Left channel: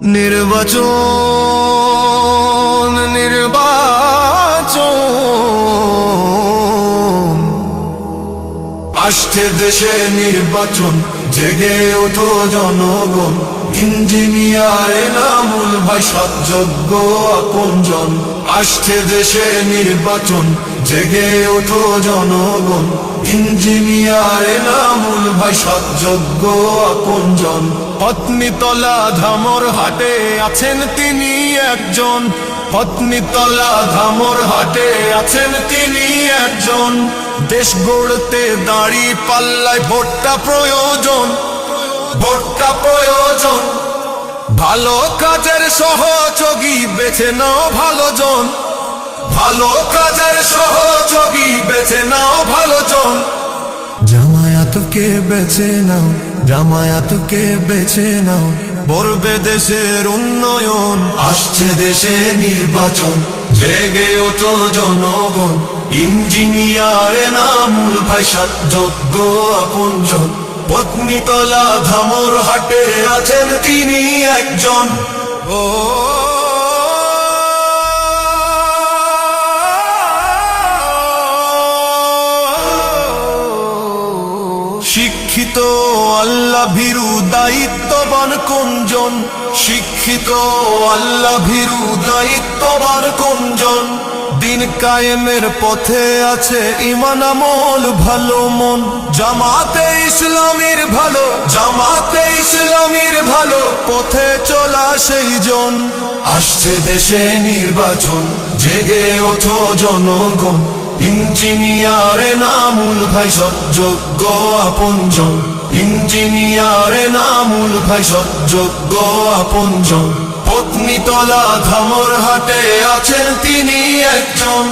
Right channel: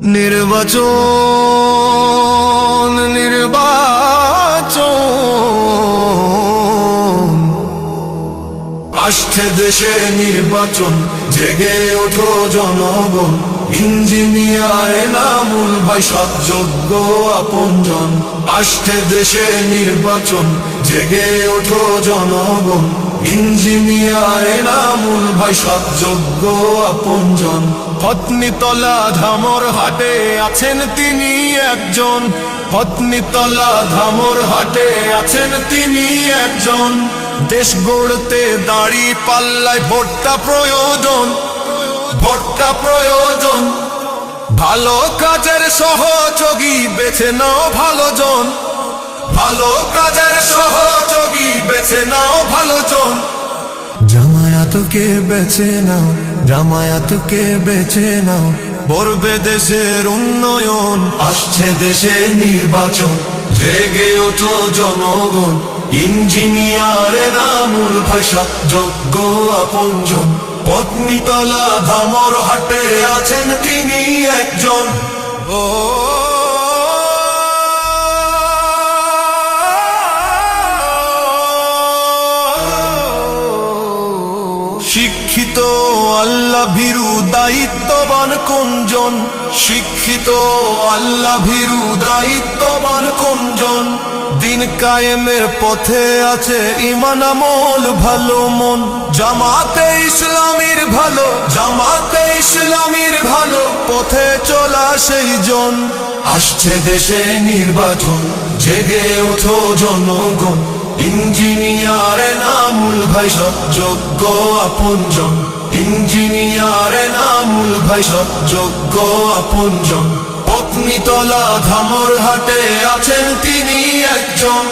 নির্বাচন নির্বাচন আসছে দেশে নির্বাচন, জেগে ওঠো জনগণ। ইঞ্জিনিয়ার এনামুল ভাই সৎযোগ্য আপনজন। আসছে দেশে নির্বাচন, জেগে ওঠো জনগণ। ইঞ্জিনিয়ার এনামুল ভাই সৎযোগ্য আপনজন। পত্নীতলা ধামর হাটে আছেন তিনি একজন। পত্নীতলা ধামর হাটে আছেন তিনি একজন। দেশ গড়তে দাঁড়ি পাল্লায় ভোটটা প্রয়োজন, ভোটটা প্রয়োজন। ভালো কাজের সহযোগী বেছে নাও ভালো জন, ভালো কাজের সহযোগী বেছে নাও ভালো জন। জামায়াতকে বেছে নাও, জামায়াতকে বেছে নাও, করবে দেশের উন্নয়ন। আসছে দেশে নির্বাচন, জেগে ওঠো জনগণ। ইঞ্জিনিয়ার এনামুল ভাই সৎযোগ্য আপনজন। পত্নীতলা ধামর হাটে আছেন তিনি একজন। ও শিক্ষিত আল্লাহ ভীরু দায়িত্ববান কোনজন? শিক্ষিত আল্লাহ ভীরু দায়িত্ববান কোনজন? দিন কায়েমের পথে আছে ঈমান আমল ভালো মন। জামাতে ইসলামীর ভালো, জামাতে ইসলামীর ভালো পথে চলা সেই জন। আসছে দেশে নির্বাচন, জেগে ওঠো জনগণ। ইঞ্জিনিয়ার এনামুল ভাই সৎযোগ্য আপনজন। ইঞ্জিনিয়ার এনামুল ভাই সৎযোগ্য আপনজন। পত্নীতলা ধামর হাটে আছেন তিনি একজন।